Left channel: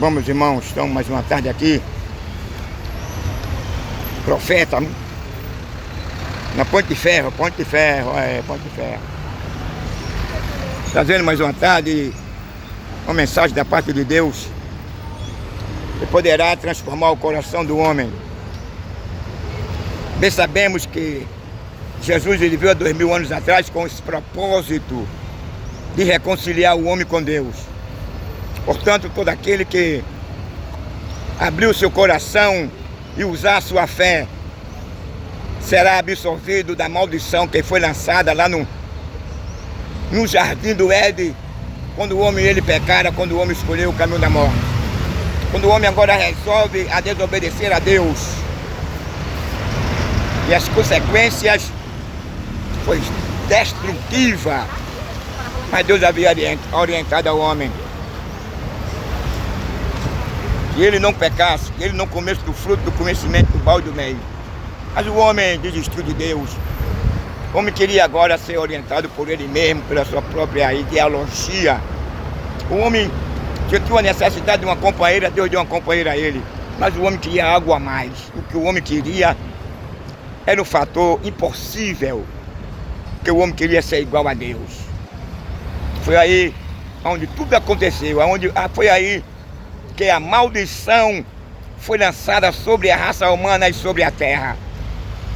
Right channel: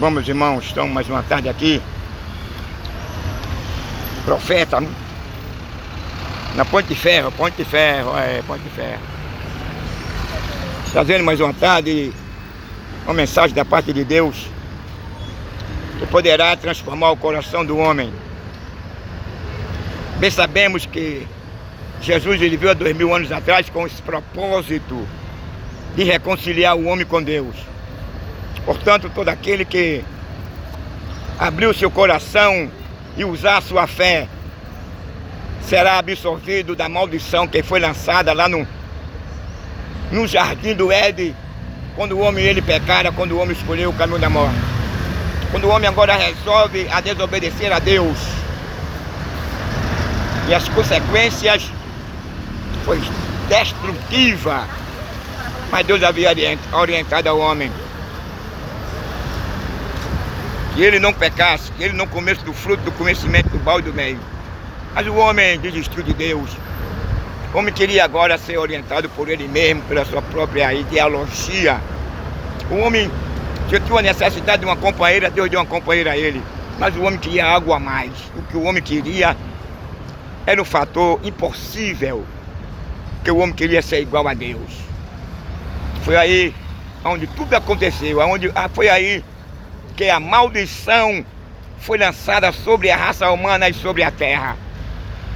Bom, meus irmãos, estamos mais uma tarde aqui. Profeta na Ponte de Ferro, Ponte de Ferro. Trazendo mais uma tarde uma mensagem da parte de Deus que poderá transformar o coração do homem. Bem sabemos que Jesus ele veio há 2000 anos atrás com esse propósito de reconciliar o homem com Deus. Portanto, todo aquele que abriu seu coração e usar a sua fé será absolvido da maldição que foi lançada lá no jardim do Éden, quando o homem ele pecara, quando o homem escolheu o caminho da morte. Quando o homem agora resolve a desobedecer a Deus. E as consequências foi destrutiva. Mas Deus havia orientado ao homem que ele não pecasse, que ele não comesse do fruto do conhecimento do mal e do bem. Mas o homem desistiu de Deus. O homem queria agora ser orientado por ele mesmo, pela sua própria ideologia. O homem sentiu a necessidade de uma companheira, Deus deu uma companheira a ele. Mas o homem queria algo a mais. O que o homem queria era um fator impossível, que o homem queria ser igual a Deus. Foi aí onde tudo aconteceu, foi aí que a maldição foi lançada sobre a raça humana e sobre a terra.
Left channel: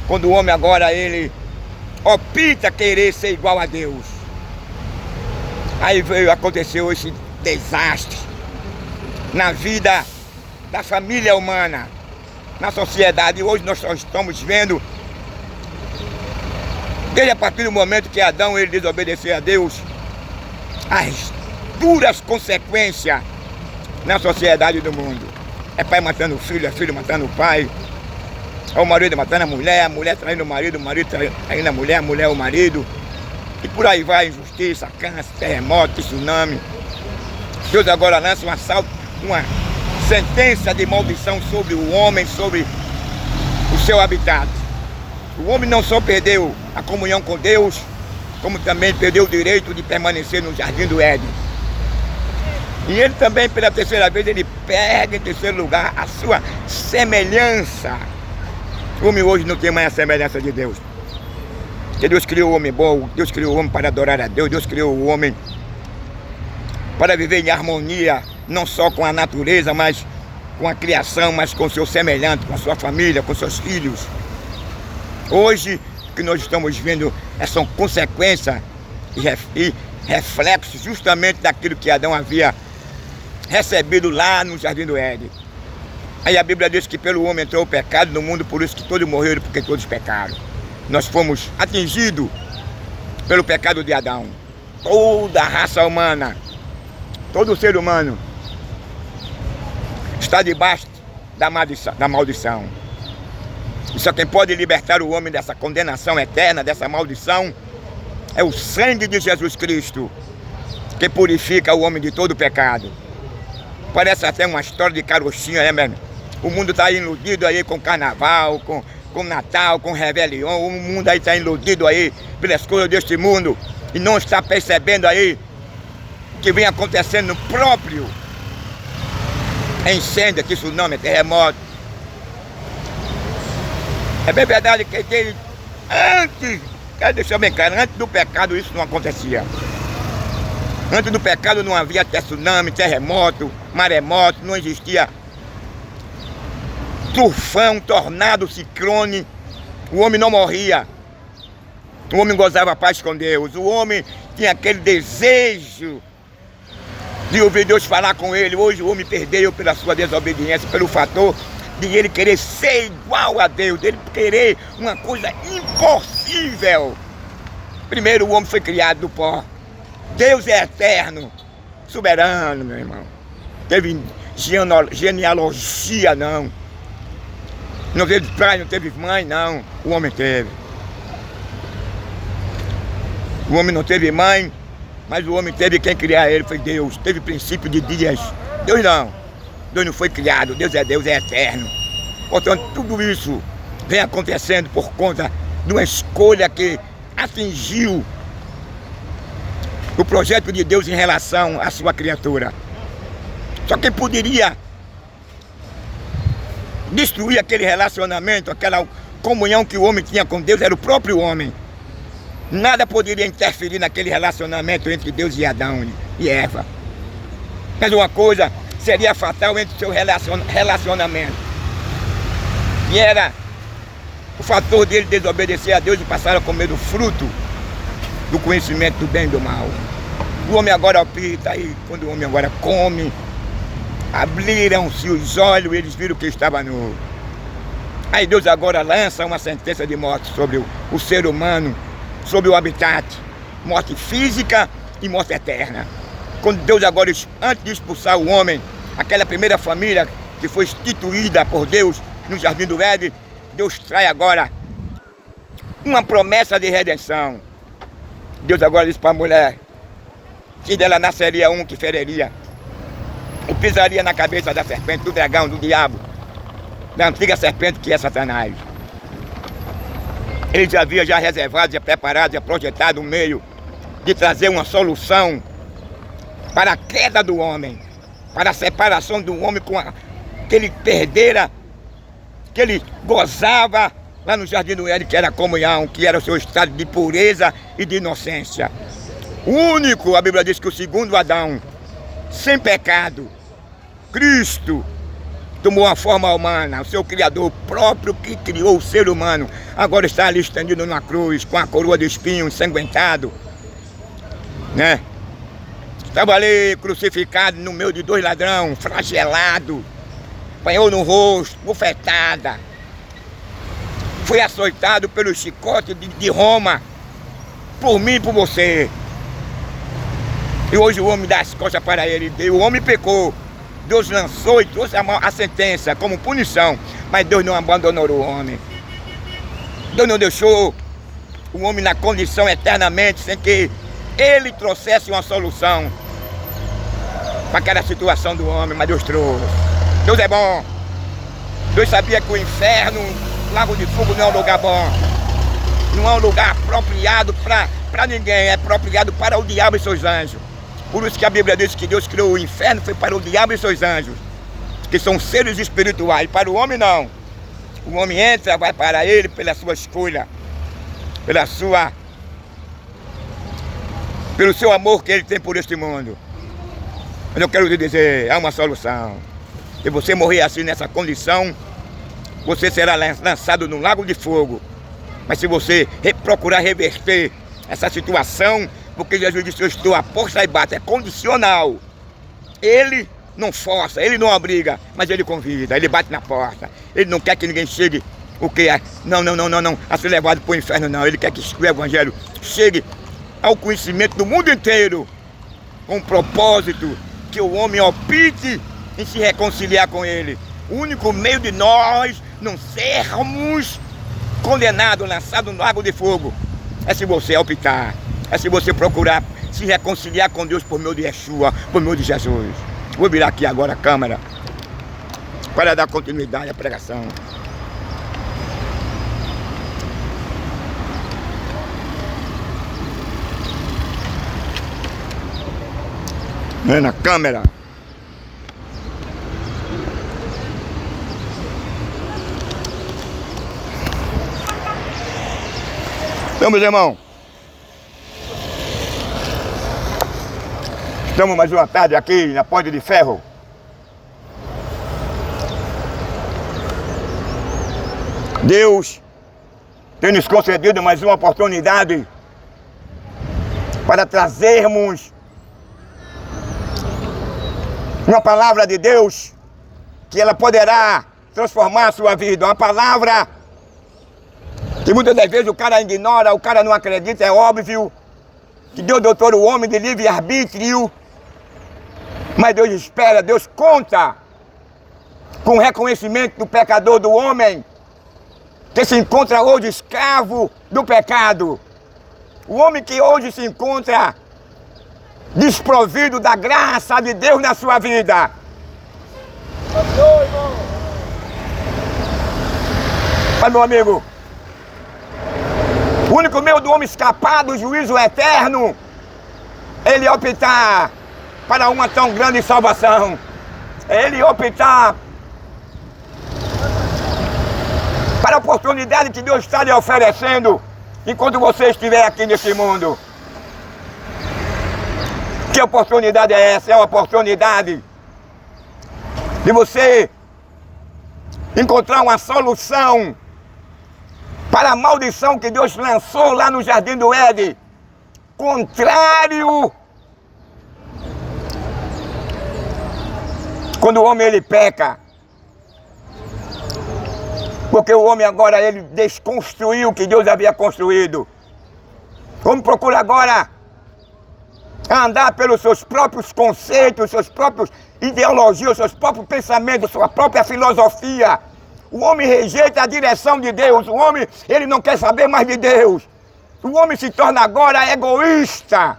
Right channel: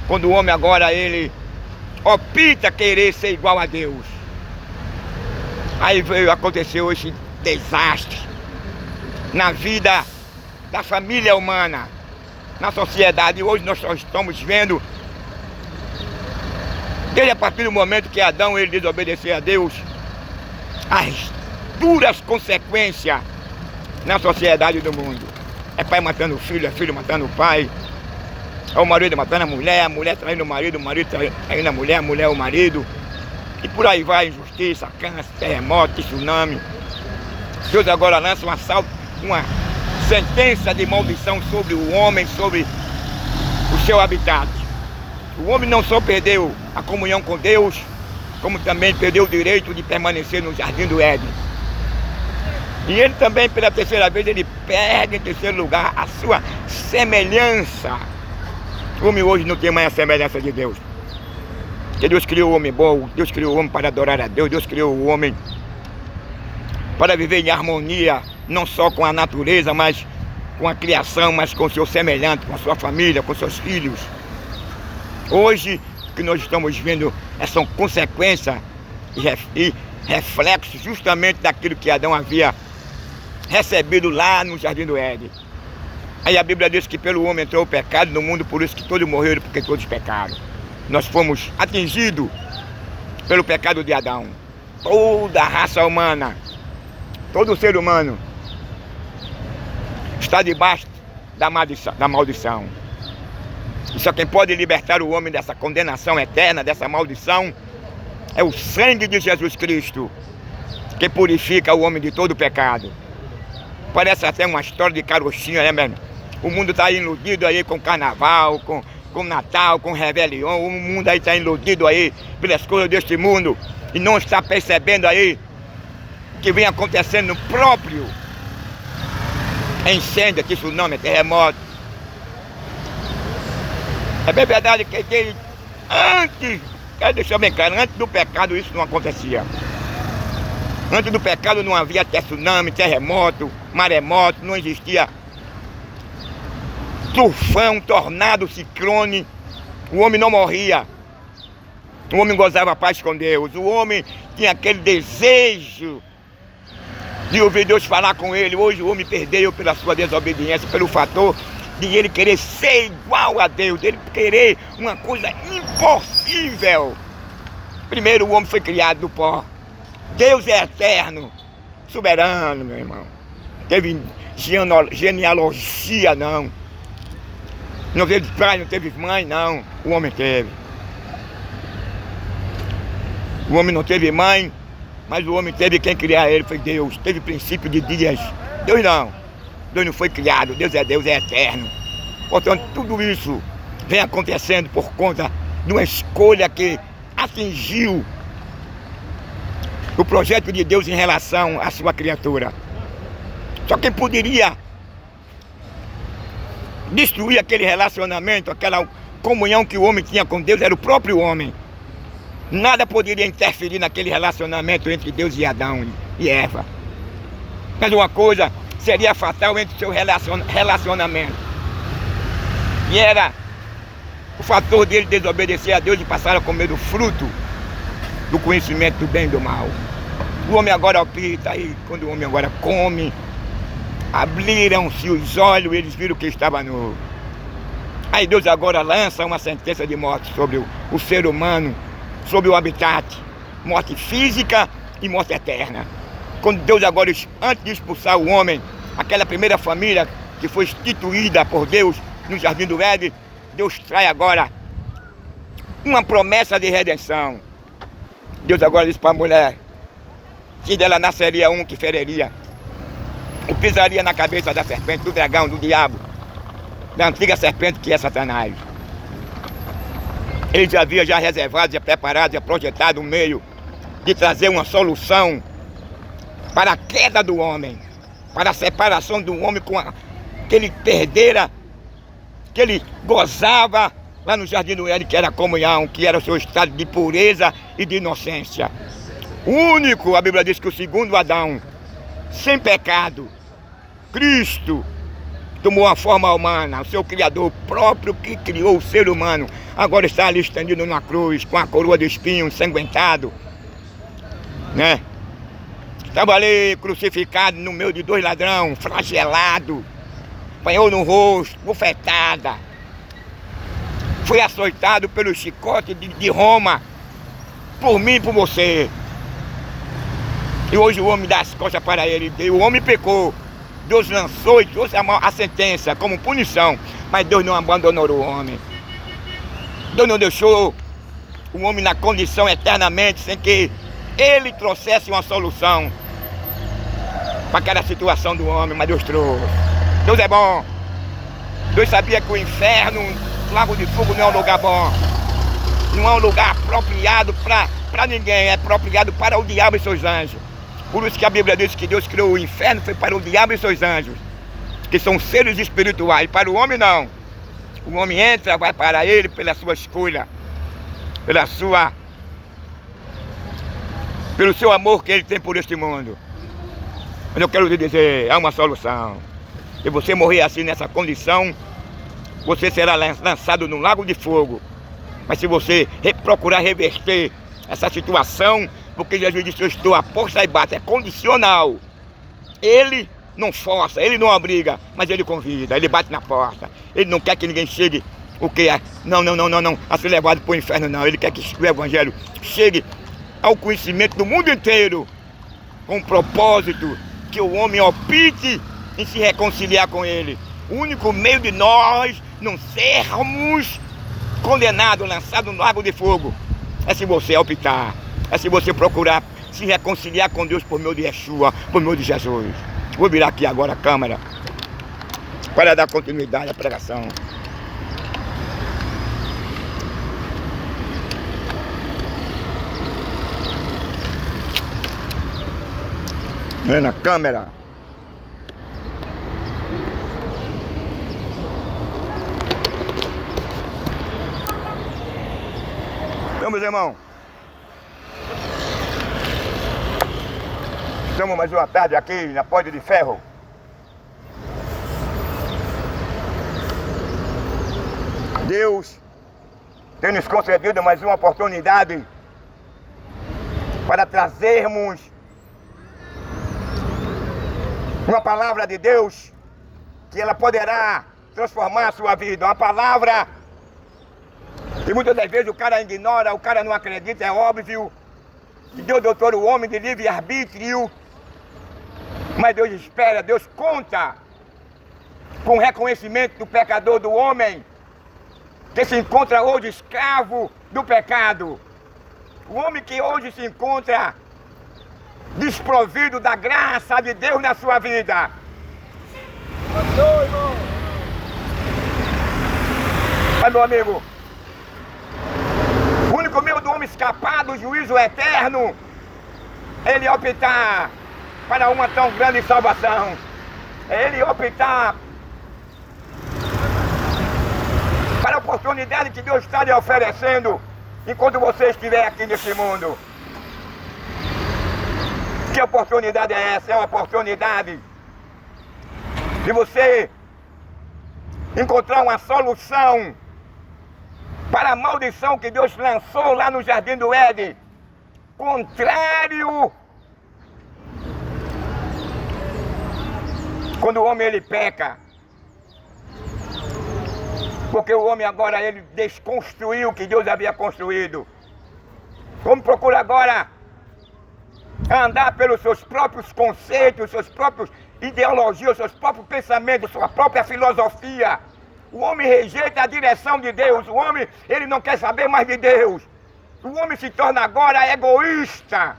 Quando o homem agora ele opta querer ser igual a Deus. Aí aconteceu esse desastre na vida da família humana, na sociedade. E hoje nós só estamos vendo, desde a partir do momento que Adão ele desobedeceu a Deus, as duras consequências na sociedade do mundo. É pai matando o filho, é filho matando o pai, é o marido matando a mulher traindo o marido traindo a mulher o marido. E por aí vai, injustiça, câncer, terremoto, tsunami. Deus agora lança uma sentença de maldição sobre o homem, sobre o seu habitat. O homem não só perdeu a comunhão com Deus, como também perdeu o direito de permanecer no jardim do Éden. E ele também, pela terceira vez, ele perde em terceiro lugar a sua semelhança. O homem hoje não tem mais a semelhança de Deus. Porque Deus criou o homem bom, Deus criou o homem para adorar a Deus, Deus criou o homem para viver em harmonia, não só com a natureza, mas com a criação, mas com o seu semelhante, com a sua família, com seus filhos. Hoje, o que nós estamos vendo são consequências e reflexos justamente daquilo que Adão havia recebido lá no jardim do Éden. Aí a Bíblia diz que pelo homem entrou o pecado no mundo, por isso que todos morreram, porque todos pecaram. Nós fomos atingidos pelo pecado de Adão. Toda a raça humana, todo ser humano está debaixo da maldição. E só quem pode libertar o homem dessa condenação eterna, dessa maldição, é o sangue de Jesus Cristo, que purifica o homem de todo pecado. Parece até uma história de carochinha, né, mesmo? O mundo está iludido aí com carnaval, com Natal, com Réveillon. O mundo aí está iludido aí pelas coisas deste mundo e não está percebendo aí o que vem acontecendo no próprio incêndio, tsunami, terremoto. É bem verdade que antes, quero deixar bem claro, antes do pecado isso não acontecia. Antes do pecado não havia tsunami, terremoto, maremoto, não existia tufão, tornado, ciclone. O homem não morria. O homem gozava paz com Deus. O homem tinha aquele desejo de ouvir Deus falar com ele. Hoje o homem perdeu pela sua desobediência, pelo fator de ele querer ser igual a Deus, dele querer uma coisa impossível. Primeiro o homem foi criado do pó. Deus é eterno, soberano, meu irmão. Teve genealogia, não. Não teve pai, não teve mãe, não. O homem teve. O homem não teve mãe, mas o homem teve quem criar ele, foi Deus. Teve princípio de dias. Deus não. Deus não foi criado, Deus, é eterno. Portanto, tudo isso vem acontecendo por conta de uma escolha que atingiu o projeto de Deus em relação à sua criatura. Só quem poderia destruir aquele relacionamento, aquela comunhão que o homem tinha com Deus, era o próprio homem. Nada poderia interferir naquele relacionamento entre Deus e Adão e Eva. Mas uma coisa seria fatal entre o seu relacionamento. E era o fator dele desobedecer a Deus e passar a comer do fruto do conhecimento do bem e do mal. O homem agora opta, aí quando o homem agora come, abriram-se os olhos, eles viram que estava nu. Aí Deus agora lança uma sentença de morte sobre o ser humano, sobre o habitat, morte física e morte eterna. Quando Deus agora, antes de expulsar o homem, aquela primeira família que foi instituída por Deus no Jardim do Éden, Deus traz agora uma promessa de redenção. Deus agora diz para a mulher que dela nasceria um que feriria, e pisaria na cabeça da serpente, do dragão, do diabo, da antiga serpente que é Satanás. Ele já havia reservado, já preparado, já projetado um meio de trazer uma solução para a queda do homem, para a separação do homem que ele perdera, que ele gozava lá no Jardim do Éden, que era a comunhão, que era o seu estado de pureza e de inocência. O único, a Bíblia diz que o segundo Adão, sem pecado, Cristo, tomou uma forma humana, o seu Criador próprio que criou o ser humano, agora está ali estendido na cruz, com a coroa de espinho, ensanguentado, né? Estava ali crucificado no meio de dois ladrões, flagelado, apanhou no rosto, bufetada, foi açoitado pelo chicote de Roma, por mim e por você. E hoje o homem dá as costas para ele, o homem pecou. Deus lançou e trouxe a sentença como punição, mas Deus não abandonou o homem. Deus não deixou o homem na condição eternamente, sem que ele trouxesse uma solução para aquela situação do homem, mas Deus trouxe. Deus é bom. Deus sabia que o inferno, o lago de fogo, não é um lugar bom. Não é um lugar apropriado para ninguém, é apropriado para o diabo e seus anjos. Por isso que a Bíblia diz que Deus criou o inferno, foi para o diabo e seus anjos, que são seres espirituais. Para o homem não. O homem entra, vai para ele pela sua escolha, pelo seu amor que ele tem por este mundo. Mas eu quero lhe dizer, há uma solução. Se você morrer assim nessa condição, você será lançado no lago de fogo. Mas se você procurar reverter essa situação, porque Jesus disse, eu estou à porta e bato, é condicional. Ele não força, ele não obriga, mas ele convida, ele bate na porta. Ele não quer que ninguém chegue, o que é? Não, a ser levado para o inferno não. Ele quer que o Evangelho chegue ao conhecimento do mundo inteiro, com o propósito que o homem opte em se reconciliar com ele. O único meio de nós não sermos condenados, lançados no lago de fogo, é se você optar. É se você procurar se reconciliar com Deus por meio de Yeshua, por meio de Jesus. Vou virar aqui agora a câmera para dar continuidade à pregação. Vem na câmera. Então, meus irmãos, estamos mais uma tarde aqui na Ponte de Ferro. Deus tem nos concedido mais uma oportunidade para trazermos uma palavra de Deus que ela poderá transformar a sua vida. Uma palavra que muitas das vezes o cara ignora, o cara não acredita, é óbvio que Deus dotou o homem de livre-arbítrio, mas Deus espera, Deus conta com o reconhecimento do pecador, do homem que se encontra hoje escravo do pecado. O homem que hoje se encontra desprovido da graça de Deus na sua vida. Mas, meu amigo, o único meio do homem escapar do juízo eterno, ele optar para uma tão grande salvação. É ele optar para a oportunidade que Deus está lhe oferecendo enquanto você estiver aqui nesse mundo. Que oportunidade é essa? É uma oportunidade de você encontrar uma solução para a maldição que Deus lançou lá no Jardim do Éden, contrário. Quando o homem ele peca, porque o homem agora ele desconstruiu o que Deus havia construído. O homem procura agora andar pelos seus próprios conceitos, suas próprias ideologias, seus próprios pensamentos, sua própria filosofia. O homem rejeita a direção de Deus. O homem ele não quer saber mais de Deus. O homem se torna agora egoísta.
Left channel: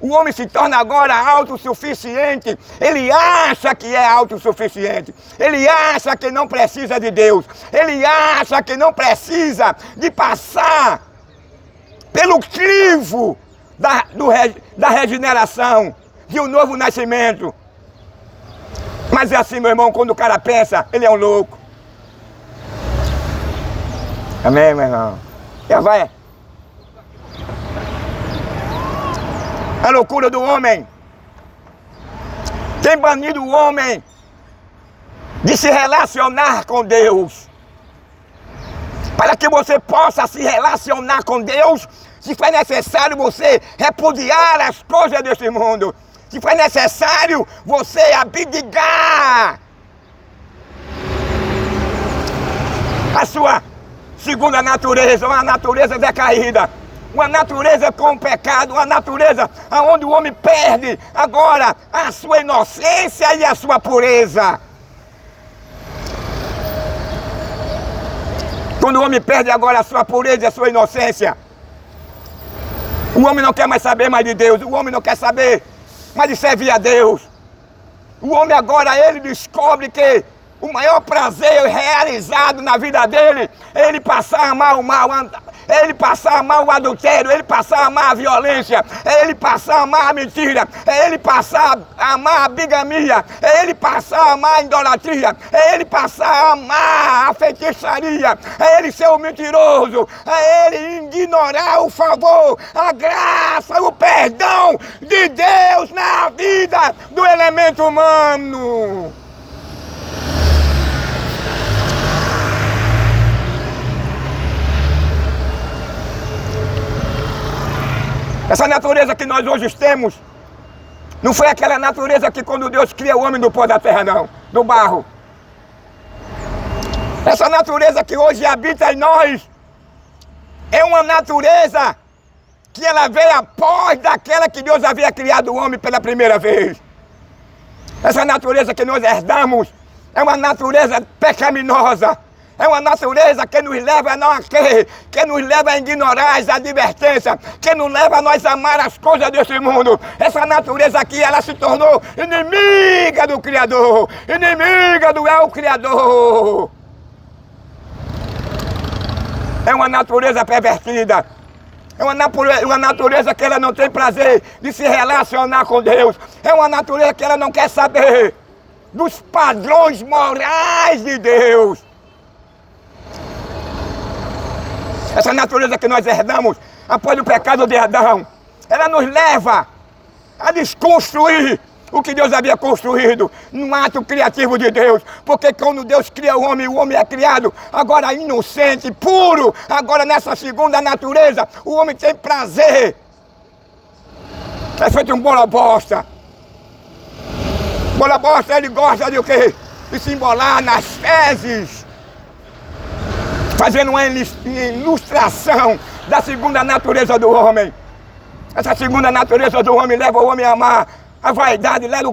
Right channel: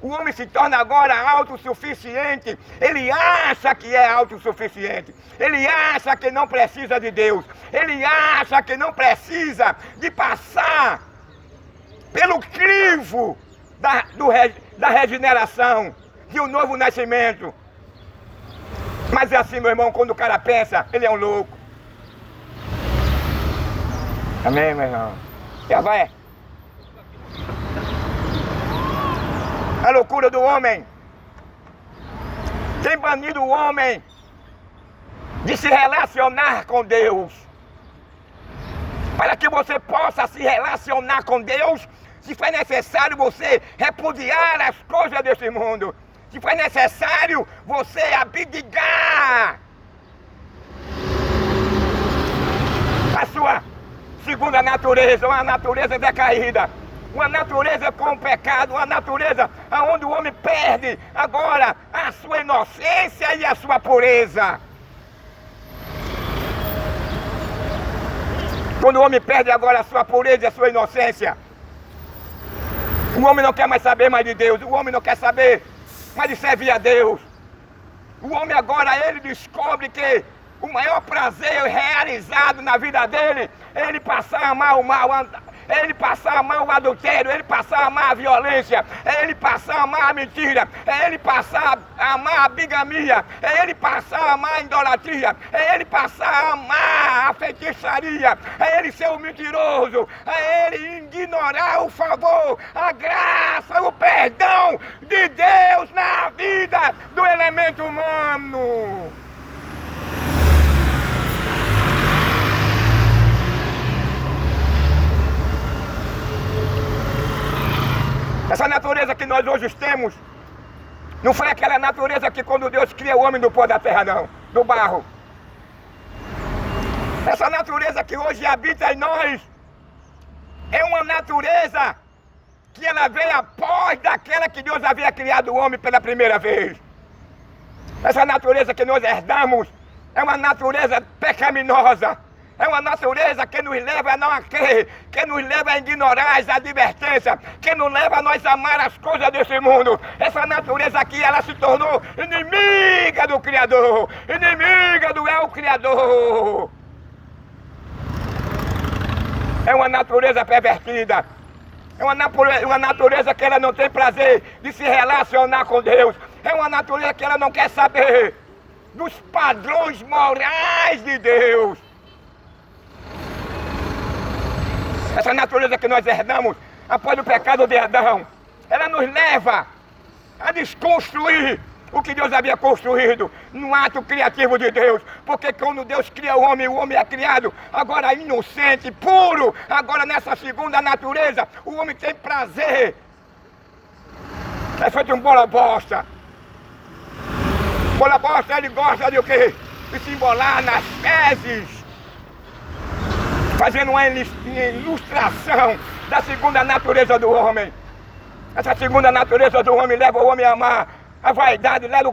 O homem se torna agora autossuficiente. Ele acha que é autossuficiente. Ele acha que não precisa de Deus. Ele acha que não precisa de passar pelo crivo da regeneração, de um novo nascimento. Mas é assim, meu irmão, quando o cara pensa, ele é um louco. Amém, meu irmão? Já vai. A loucura do homem tem banido o homem de se relacionar com Deus. Para que você possa se relacionar com Deus, se for necessário você repudiar as coisas deste mundo. Se for necessário você abdicar a sua segunda natureza, uma natureza decaída. Uma natureza com pecado, uma natureza onde o homem perde agora a sua inocência e a sua pureza. Quando o homem perde agora a sua pureza e a sua inocência, o homem não quer mais saber mais de Deus, o homem não quer saber mais de servir a Deus. O homem agora, ele descobre que o maior prazer realizado na vida dele é ele passar a amar o mal, é ele passar a amar o adultério, é ele passar a amar a violência, é ele passar a amar a mentira, é ele passar a amar a bigamia, é ele passar a amar a idolatria, é ele passar a amar a feitiçaria, é ele ser o mentiroso, é ele ignorar o favor, a graça, o perdão de Deus na vida do elemento humano. Essa natureza que nós hoje temos, não foi aquela natureza que quando Deus cria o homem do pó da terra, não, do barro. Essa natureza que hoje habita em nós, é uma natureza que ela veio após daquela que Deus havia criado o homem pela primeira vez. Essa natureza que nós herdamos, é uma natureza pecaminosa. É uma natureza que nos leva a não crer, que nos leva a ignorar as advertências, que nos leva a nós amar as coisas desse mundo. Essa natureza aqui, ela se tornou inimiga do Criador, inimiga do El Criador. É uma natureza pervertida. É uma natureza que ela não tem prazer de se relacionar com Deus. É uma natureza que ela não quer saber dos padrões morais de Deus. Essa natureza que nós herdamos após o pecado de Adão, ela nos leva a desconstruir o que Deus havia construído no ato criativo de Deus. Porque quando Deus cria o homem é criado agora inocente, puro. Agora nessa segunda natureza, o homem tem prazer. É feito um bola bosta. Bola bosta, ele gosta de o quê? De se embolar nas fezes, fazendo uma ilustração da segunda natureza do homem. Essa segunda natureza do homem leva o homem a amar a vaidade, leva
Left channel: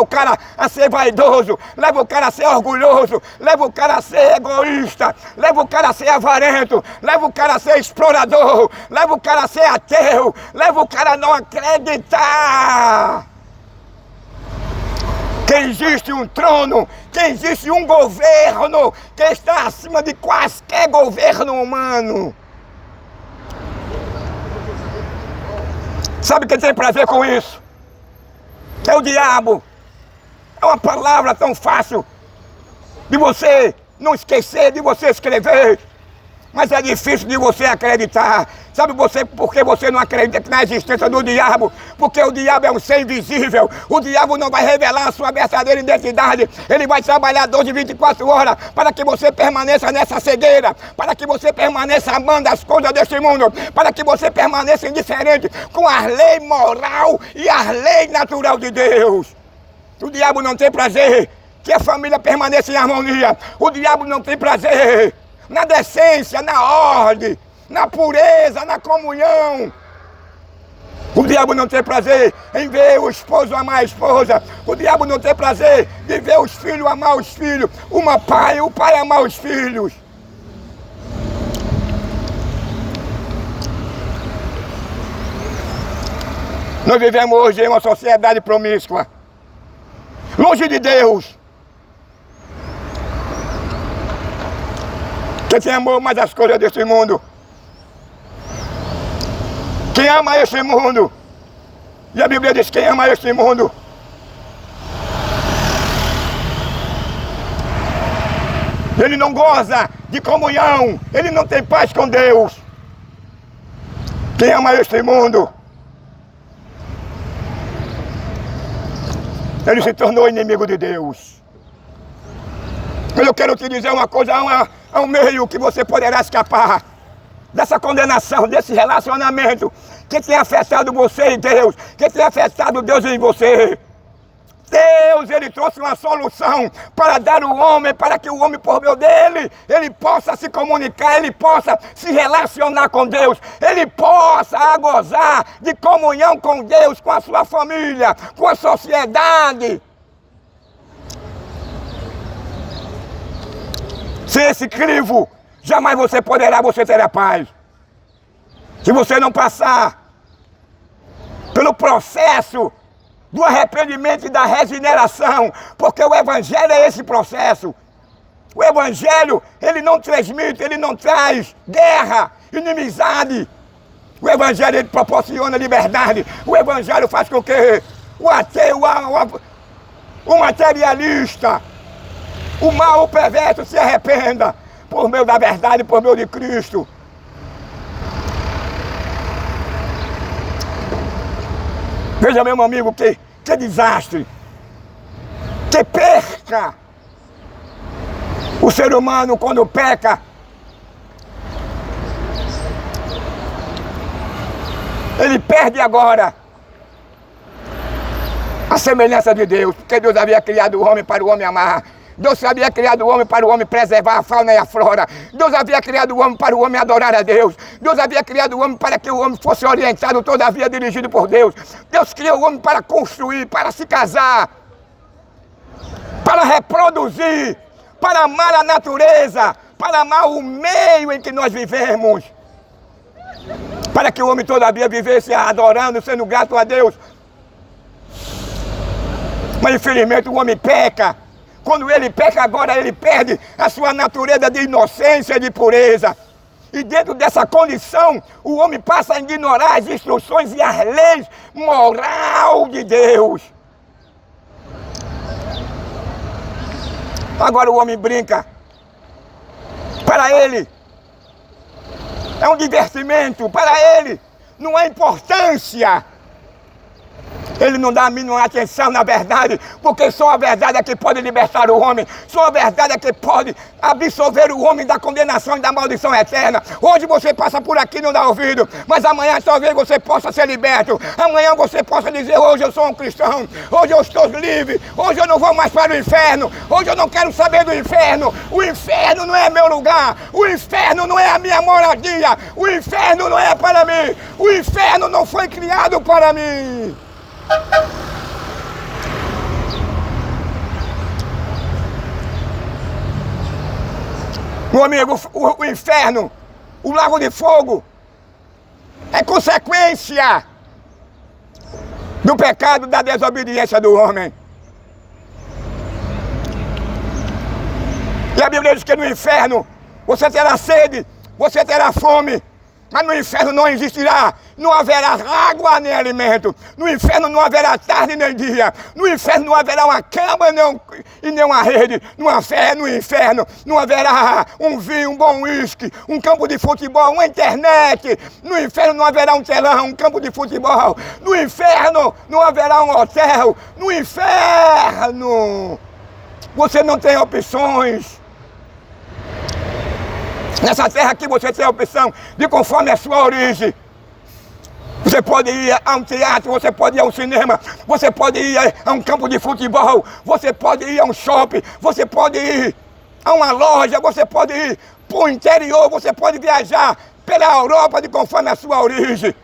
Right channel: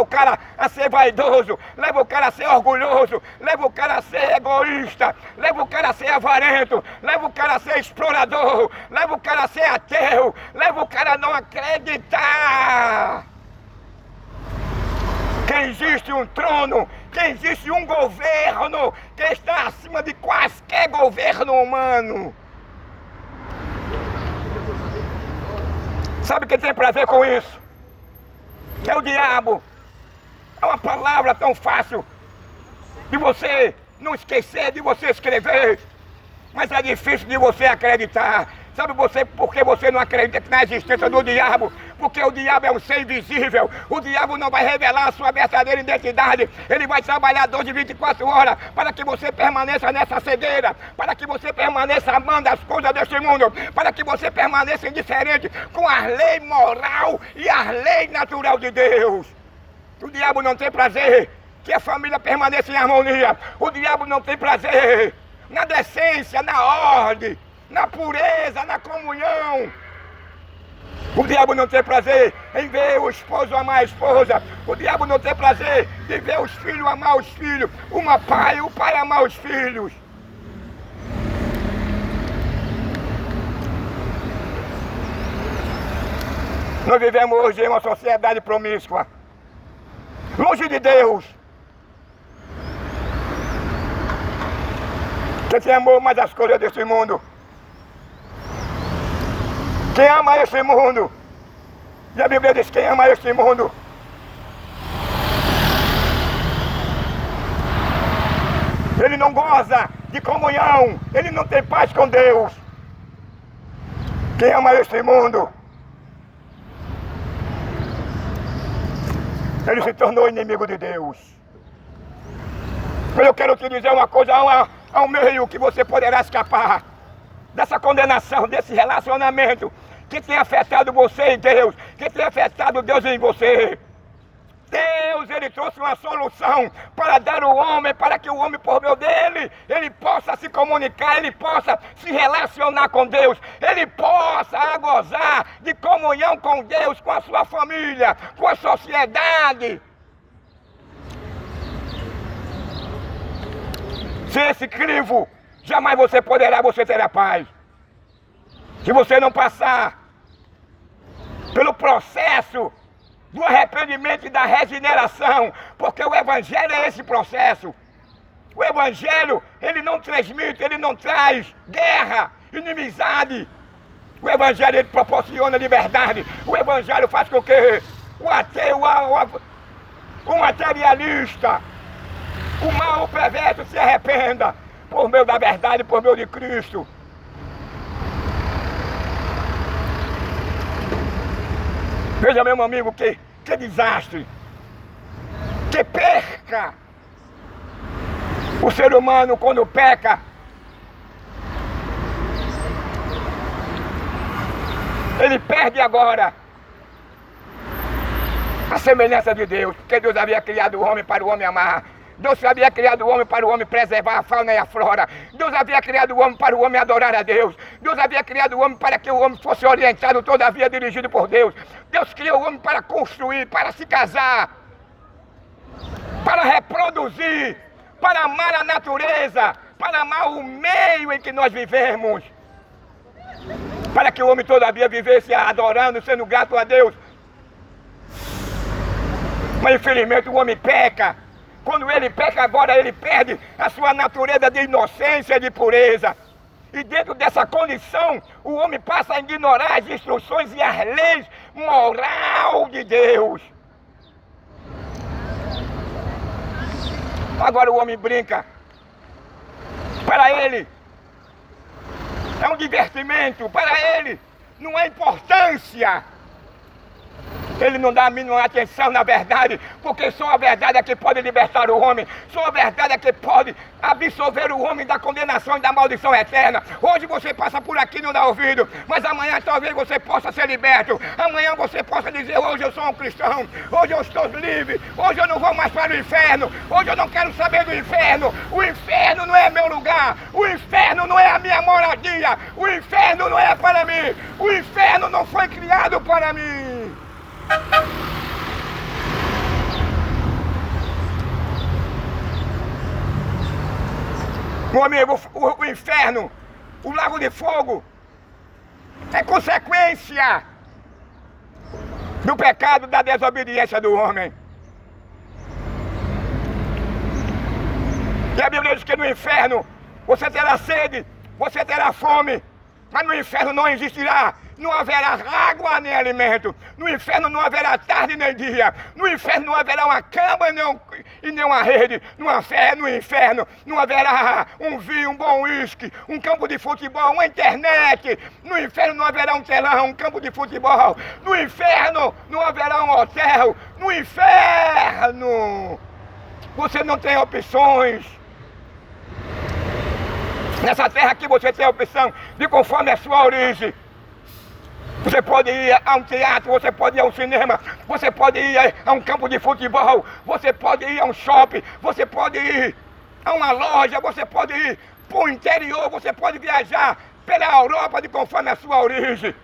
o cara a ser vaidoso, leva o cara a ser orgulhoso, leva o cara a ser egoísta, leva o cara a ser avarento, leva o cara a ser explorador, leva o cara a ser ateu, leva o cara a não acreditar que existe um trono, que existe um governo que está acima de quaisquer governo humano. Sabe quem tem prazer com isso? É o diabo. É uma palavra tão fácil de você não esquecer, de você escrever. Mas é difícil de você acreditar. Sabe por que você não acredita na existência do diabo? Porque o diabo é um ser invisível. O diabo não vai revelar a sua verdadeira identidade. Ele vai trabalhar 12, 24 horas para que você permaneça nessa cegueira, para que você permaneça amando as coisas deste mundo, para que você permaneça indiferente com a lei moral e a lei natural de Deus. O diabo não tem prazer que a família permaneça em harmonia. O diabo não tem prazer na decência, na ordem, na pureza, na comunhão. O diabo não tem prazer em ver o esposo amar a esposa. O diabo não tem prazer de ver os filhos amar os filhos. O pai amar os filhos. Nós vivemos hoje em uma sociedade promíscua, longe de Deus. Quem amou mais as coisas desse mundo? Quem ama esse mundo? E a Bíblia diz: quem ama esse mundo? Ele não goza de comunhão, ele não tem paz com Deus. Quem ama esse mundo? Ele se tornou inimigo de Deus. Eu quero te dizer uma coisa, há um meio que você poderá escapar dessa condenação, desse relacionamento que tem afetado você e Deus, que tem afetado Deus em você. Deus, ele trouxe uma solução para dar ao homem, para que o homem, por meio dele, ele possa se comunicar, ele possa se relacionar com Deus, ele possa gozar de comunhão com Deus, com a sua família, com a sociedade. Sem esse crivo, jamais você terá paz. Se você não passar pelo processo do arrependimento e da regeneração, porque o Evangelho é esse processo. O Evangelho, ele não transmite, ele não traz guerra, inimizade. O Evangelho, ele proporciona liberdade. O Evangelho faz com que o ateu, o materialista, o mal, o perverso se arrependa por meio da verdade, por meio de Cristo. Veja, meu amigo, que desastre, que perca. O ser humano, quando peca, ele perde agora a semelhança de Deus, porque Deus havia criado o homem para o homem amar. Deus havia criado o homem para o homem preservar a fauna e a flora. Deus havia criado o homem para o homem adorar a Deus. Deus havia criado o homem para que o homem fosse orientado, todavia dirigido por Deus. Deus criou o homem para construir, para se casar, para reproduzir, para amar a natureza, para amar o meio em que nós vivemos. Para que o homem todavia vivesse adorando, sendo grato a Deus. Mas infelizmente o homem peca. Quando ele peca agora, ele perde a sua natureza de inocência e de pureza. E dentro dessa condição, o homem passa a ignorar as instruções e as leis moral de Deus. Agora o homem brinca. Para ele, é um divertimento. Para ele, não há importância. Ele não dá a mínima atenção na verdade, porque só a verdade é que pode libertar o homem, só a verdade é que pode absolver o homem da condenação e da maldição eterna. Hoje você passa por aqui e não dá ouvido, mas amanhã talvez você possa ser liberto. Amanhã você possa dizer: hoje eu sou um cristão, hoje eu estou livre, hoje eu não vou mais para o inferno, hoje eu não quero saber do inferno. O inferno não é meu lugar, o inferno não é a minha moradia, o inferno não é para mim, o inferno não foi criado para mim. Meu amigo, o inferno, o lago de fogo, é consequência do pecado, da desobediência do homem. E a Bíblia diz que no inferno você terá sede, você terá fome, Mas no inferno não existirá, não haverá água nem alimento. No inferno não haverá tarde nem dia. No inferno não haverá uma cama e nem uma rede. No inferno não haverá um vinho, um bom uísque, um campo de futebol, uma internet. No inferno não haverá um telão, um campo de futebol. No inferno não haverá um hotel. No inferno você não tem opções. Nessa terra aqui você tem a opção de conforme a sua origem. Você pode ir a um teatro, você pode ir ao cinema, você pode ir a um campo de futebol, você pode ir a um shopping, você pode ir a uma loja, você pode ir para o interior, você pode viajar pela Europa de conforme a sua origem.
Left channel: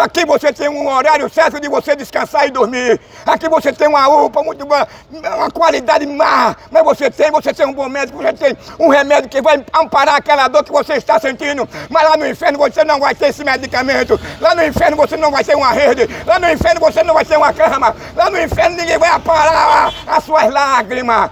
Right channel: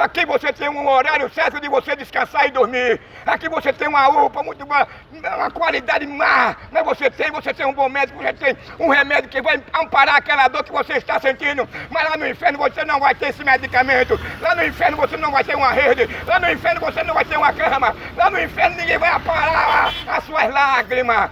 Aqui você tem um horário certo de você descansar e dormir. Aqui você tem uma UPA muito boa, uma qualidade má. Mas você tem um bom médico, você tem um remédio que vai amparar aquela dor que você está sentindo. Mas lá no inferno você não vai ter esse medicamento. Lá no inferno você não vai ter uma rede. Lá no inferno você não vai ter uma cama. Lá no inferno ninguém vai amparar as suas lágrimas.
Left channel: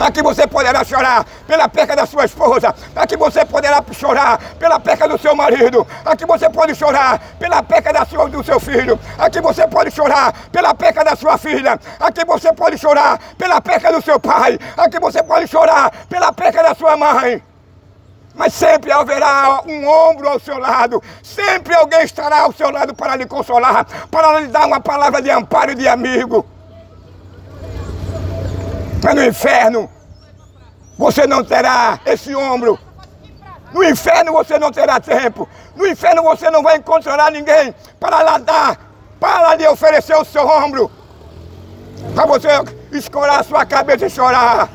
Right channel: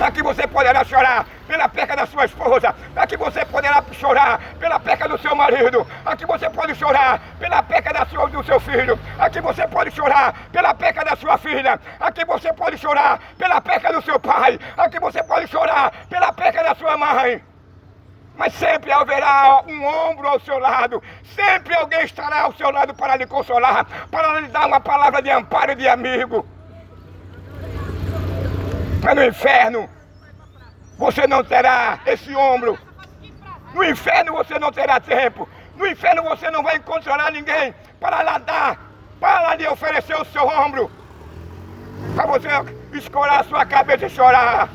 Aqui você poderá chorar pela perca da sua esposa. Aqui você poderá chorar pela perca do seu marido. Aqui você pode chorar pela perca do seu filho. Aqui você pode chorar pela perca da sua filha. Aqui você pode chorar pela perca do seu pai. Aqui você pode chorar pela perca da sua mãe. Mas sempre haverá um ombro ao seu lado. Sempre alguém estará ao seu lado para lhe consolar, para lhe dar uma palavra de amparo e de amigo. Mas no inferno, você não terá esse ombro. No inferno você não terá tempo. No inferno você não vai encontrar ninguém para lhe oferecer o seu ombro. Para você escorar a sua cabeça e chorar.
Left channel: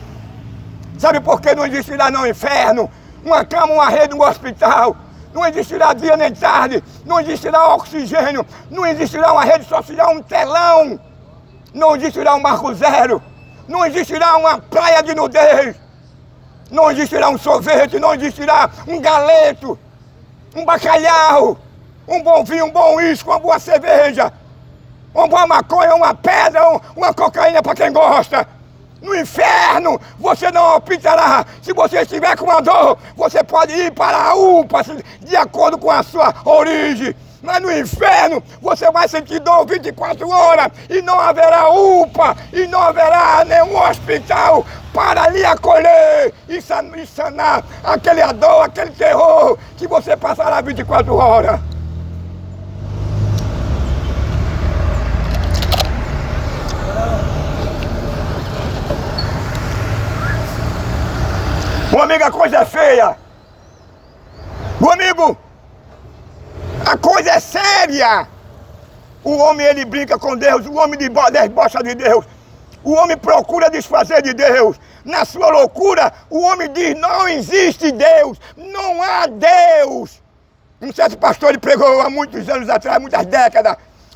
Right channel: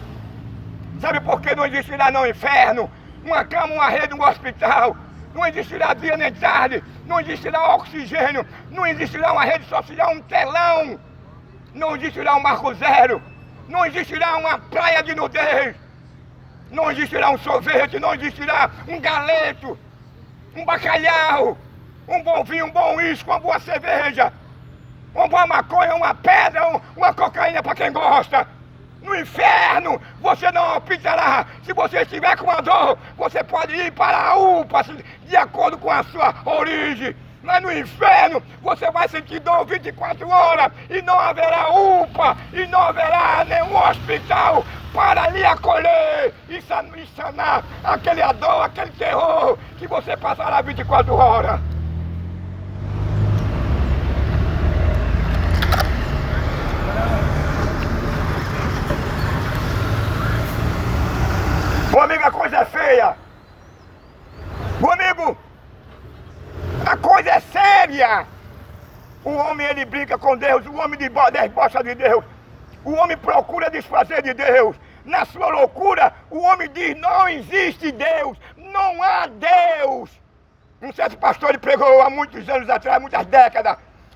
Sabe por que não existirá no inferno uma cama, uma rede, um hospital? Não existirá dia nem tarde. Não existirá oxigênio. Não existirá uma rede social, um telão. Não existirá um marco zero. Não existirá uma praia de nudez. Não existirá um sorvete, não existirá um galeto, um bacalhau, um bom vinho, um bom uísque, uma boa cerveja, uma boa maconha, uma pedra, uma cocaína para quem gosta. No inferno você não optará. Se você estiver com uma dor, você pode ir para a UPA de acordo com a sua origem. Mas no inferno você vai sentir dor 24 horas e não haverá UPA e não haverá nenhum hospital para lhe acolher e sanar aquele dor, aquele terror que você passará 24 horas. Meu amigo, a coisa é feia. Meu amigo, a coisa é séria. O homem, ele brinca com Deus, o homem debocha de Deus. O homem procura desfazer de Deus. Na sua loucura, o homem diz, não existe Deus, não há Deus. Um certo pastor, ele pregou há muitos anos atrás, muitas décadas,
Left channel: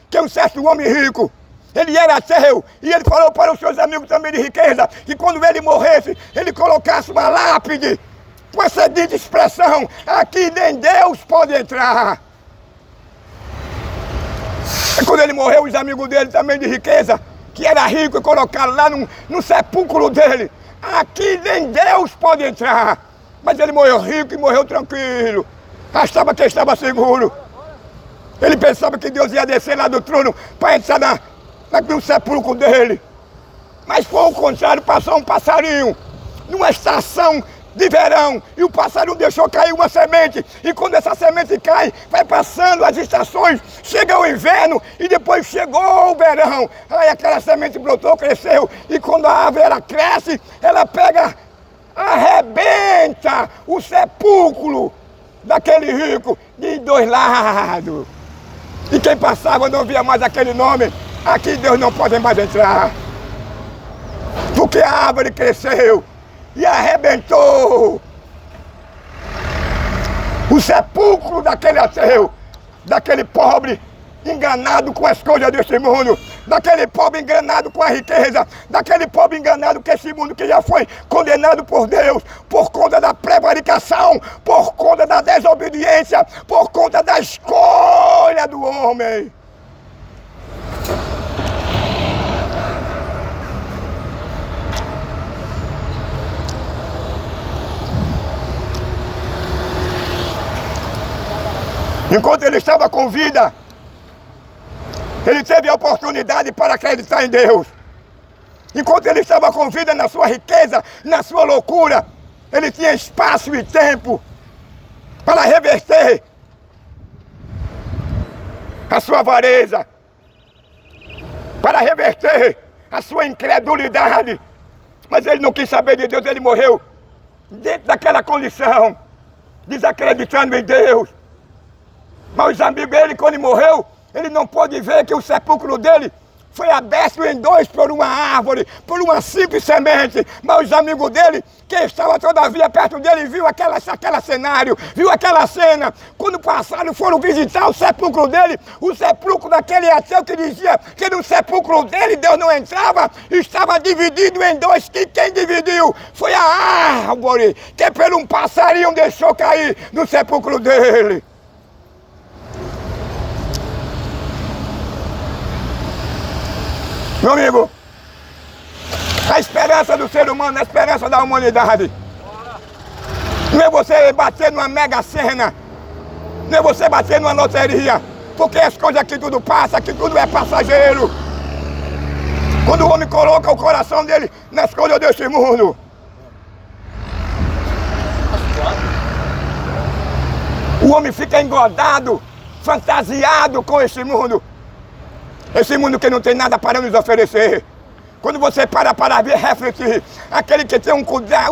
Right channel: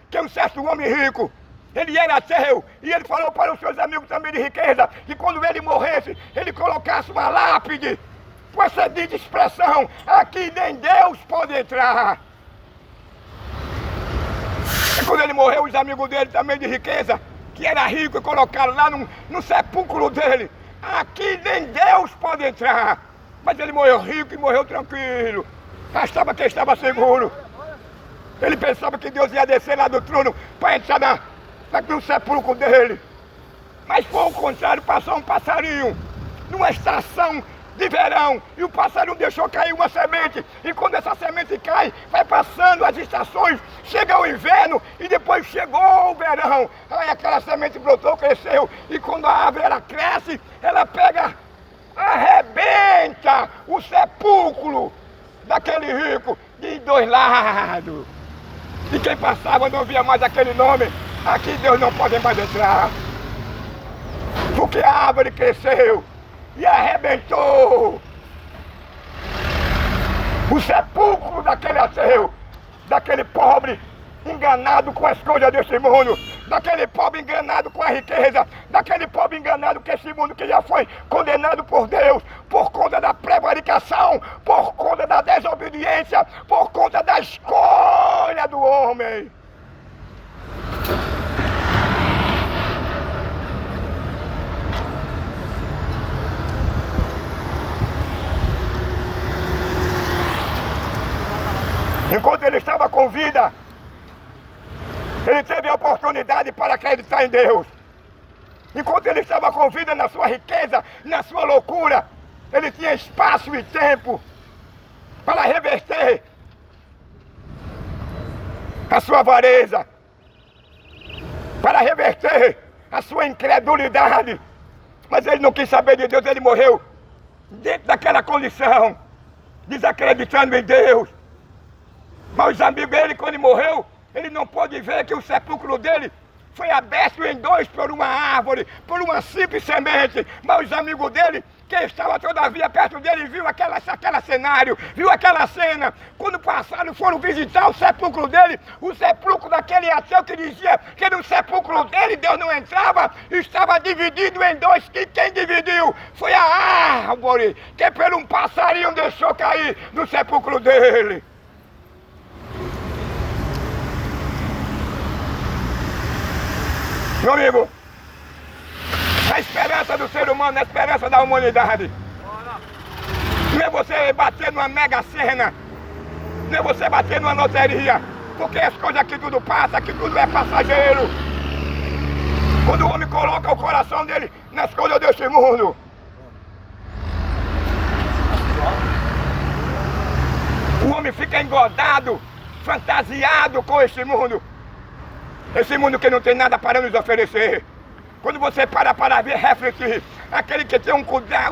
que um certo homem rico, ele era ateu, e ele falou para os seus amigos também de riqueza, que quando ele morresse, ele colocasse uma lápide, com essa dita expressão, aqui nem Deus pode entrar. E quando ele morreu, os amigos dele também de riqueza, que era rico, e colocaram lá no sepulcro dele, aqui nem Deus pode entrar. Mas ele morreu rico e morreu tranquilo, achava que estava seguro. Ele pensava que Deus ia descer lá do trono para entrar no sepulcro dele. Mas foi o contrário, passou um passarinho numa estação de verão, e o passarinho deixou cair uma semente, e quando essa semente cai, vai passando as estações, chega o inverno, e depois chegou o verão, aí aquela semente brotou, cresceu, e quando a árvore ela cresce, ela pega, arrebenta o sepulcro daquele rico de dois lados, e quem passava não via mais aquele nome, aqui Deus não pode mais entrar, porque a árvore cresceu, e arrebentou o sepulcro daquele ateu, daquele pobre enganado com as coisas deste mundo, daquele pobre enganado com a riqueza, daquele pobre enganado com esse mundo que já foi condenado por Deus, por conta da prevaricação, por conta da desobediência, por conta da escolha do homem. ele estava com vida, ele teve a oportunidade para acreditar em Deus. Enquanto ele estava com vida na sua riqueza, na sua loucura, ele tinha espaço e tempo para reverter a sua avareza, para reverter a sua incredulidade. Mas ele não quis saber de Deus, ele morreu dentro daquela condição, desacreditando em Deus. Mas os amigos dele, quando ele morreu, ele não pôde ver que o sepulcro dele foi aberto em dois por uma árvore, por uma simples semente. Mas os amigos dele, que estavam todavia perto dele, viu aquele cenário, viu aquela cena. Quando passaram, foram visitar o sepulcro dele, o sepulcro daquele ateu que dizia que no sepulcro dele Deus não entrava, estava dividido em dois, que quem dividiu foi a árvore que por um passarinho deixou cair no sepulcro dele. Meu amigo, a esperança do ser humano, a esperança da humanidade, não é você bater numa mega sena, não é você bater numa loteria, porque as coisas aqui tudo passa, aqui tudo é passageiro. Quando o homem coloca o coração dele nas coisas deste mundo, o homem fica engodado, fantasiado com este mundo. Esse mundo que não tem nada para nos oferecer. Quando você para ver, refletir, aquele que tem um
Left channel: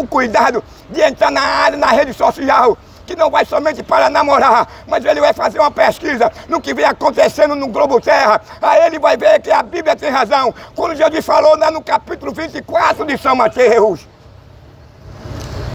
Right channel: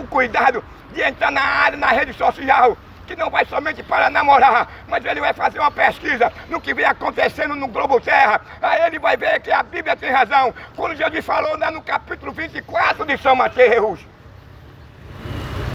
cuidado de entrar na área, na rede social, que não vai somente para namorar, mas ele vai fazer uma pesquisa no que vem acontecendo no globo terra. Aí ele vai ver que a Bíblia tem razão. Quando Jesus falou lá no capítulo 24 de São Mateus,